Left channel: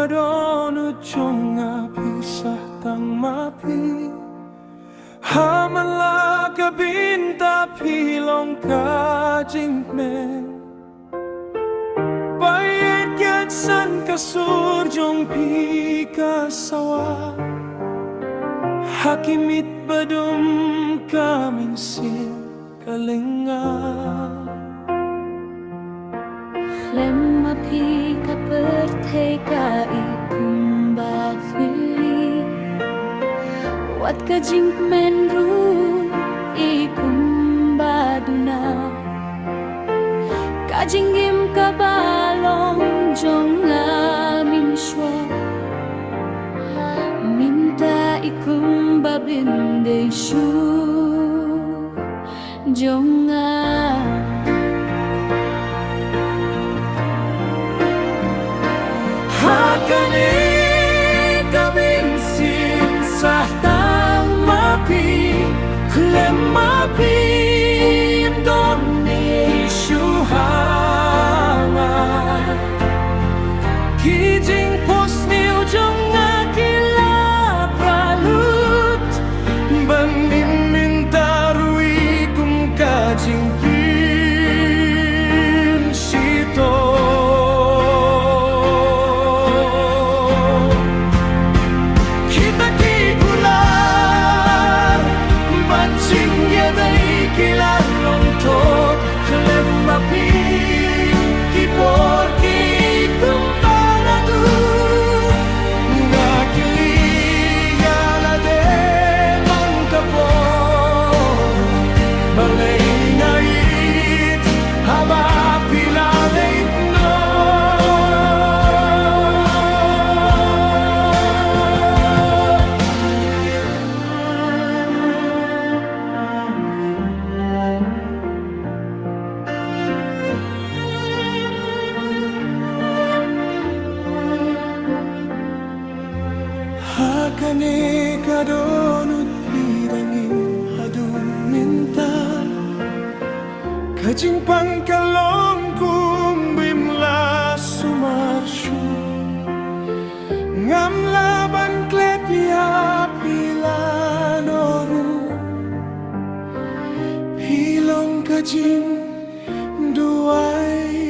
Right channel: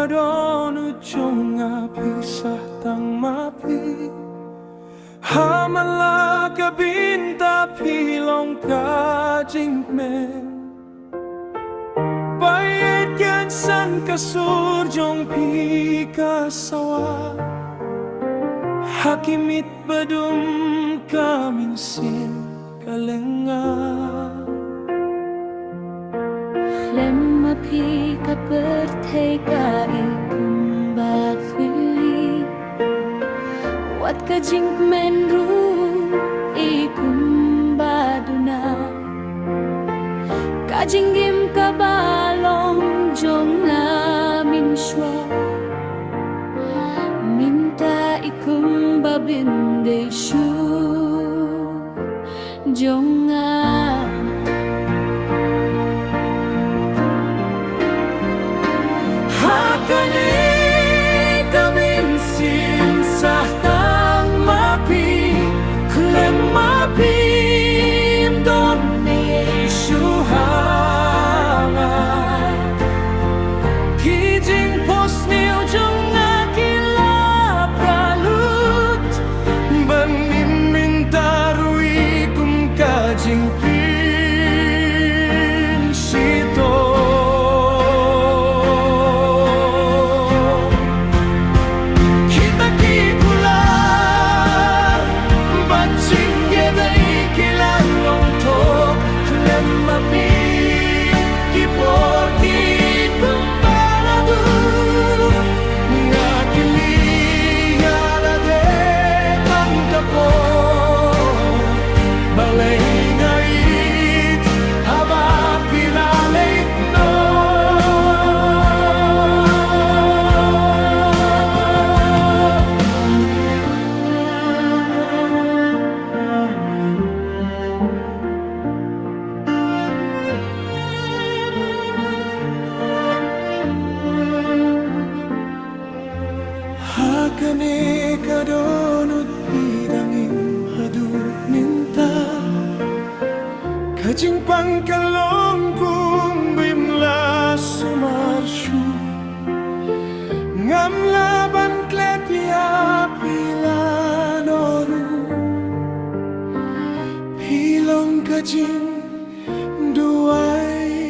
kadon ujung pisah tang mapi Hamala ka binta pilong ka jingmen Bayad yan san kasurjong pi kasawa Hakimit badum kaminsin kalenga Lemma pi ka perteka ikumbat fili Wat ka jinkmen ru ikumbaduna Kajinggim ka balong jong amin shwa Minta ikumbabinde shu jong Hakane kaming sim sa tang mapi Klem mapi Indon ni isyuhangan Kijing pos ni ujung akila pralut Ban miminta rui kum kajing pin sito Mapi kiporti kumbaladu ngakili yalade mantapor balay ngait haba pilalait no Hakane kadonut bidangin hadu minta Kajing pangkalong kumbimla sumarsyu Ngam laban kletya pilanoru Pilong kajing duay